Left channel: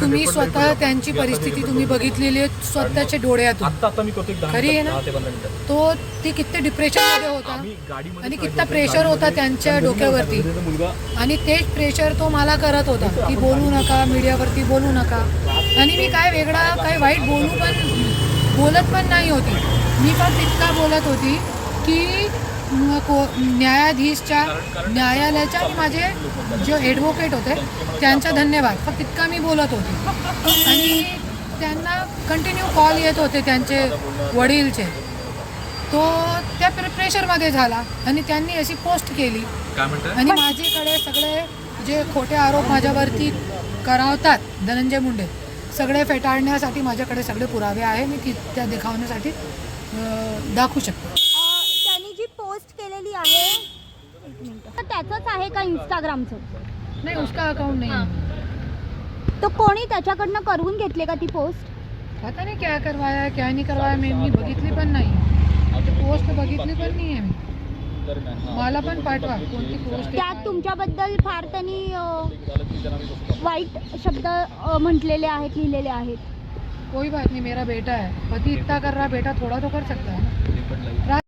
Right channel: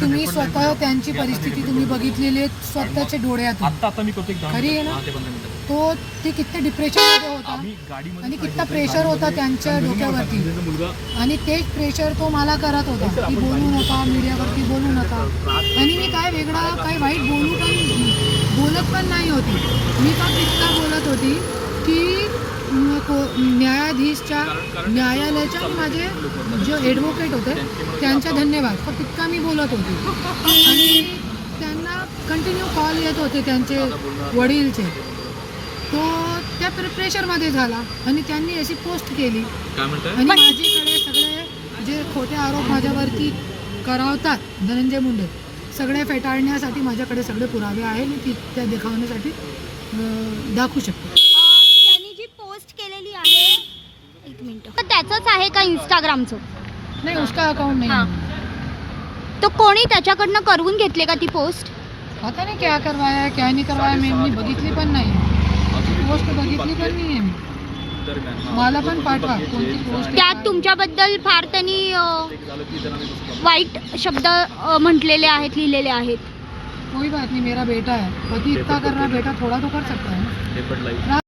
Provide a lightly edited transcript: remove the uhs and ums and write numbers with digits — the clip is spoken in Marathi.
तुम्ही स्वतः त्यांची परिस्थिती तुम्ही बघितलेली आहे स्वतःच्या डोळ्यातून, खरी आहे ना. ते किती डिप्रेशनमध्ये होता आणि किती प्रेशर होता त्यांच्या डोक्यावरती, आणि तेच प्रेशर तो मला करत होता की बोलू नका, मीडियावरती बोलू नका. आणि मी काय वेगळा काय वाईट बोलत पण नाही होती. मी फक्त इतका बोलत होती की न्यायालयाच्या आणि माझे जे ॲडव्होकेट होते त्यांचा धन्यवाद, फक्त इतका मी बोलत होती. आणि त्यांना कंटिन्यू कॉल येत होते त्यांचे वडीलचे, तो त्या प्रेशरमध्ये झाला आणि त्यांनी अशी पोस्ट केली. आणि माझ्याकडे सगळे जे खोटे आरोप माझ्यावरती करावतात धनंजय मुंडे, सगळे फेटाळण्यासाठी माझ्याकडे सगळे पुरावे आहे. मी त्या देखावण्यासाठी दाखवू शकते. त्यांनी जी पोस्ट केलेली आहे, एक मिनिट, तर त्याचंच आहे का इंस्टाग्रामचं? नाही, उसका अकाउंट नाही. तो कोणी त्याच्याकडनं करवून घेतले का ती पोस्ट? पता नाही क्या करवाया क्या नाही करवाया, मी बघितली पण नाही, पोस्ट बघितली पण नाही आहे. मी मला पण पाठवा कोणती पोस्ट. त्यात तुमच्याबद्दल फार त्यांनी वाईट शब्द म्हटलेले आहेत, लिहिलेले आहेत. कोई बात नहीं, मेरा बेटा है, पति इतना कर रहा, बेटा थोड़ा तो कर सकता है ना.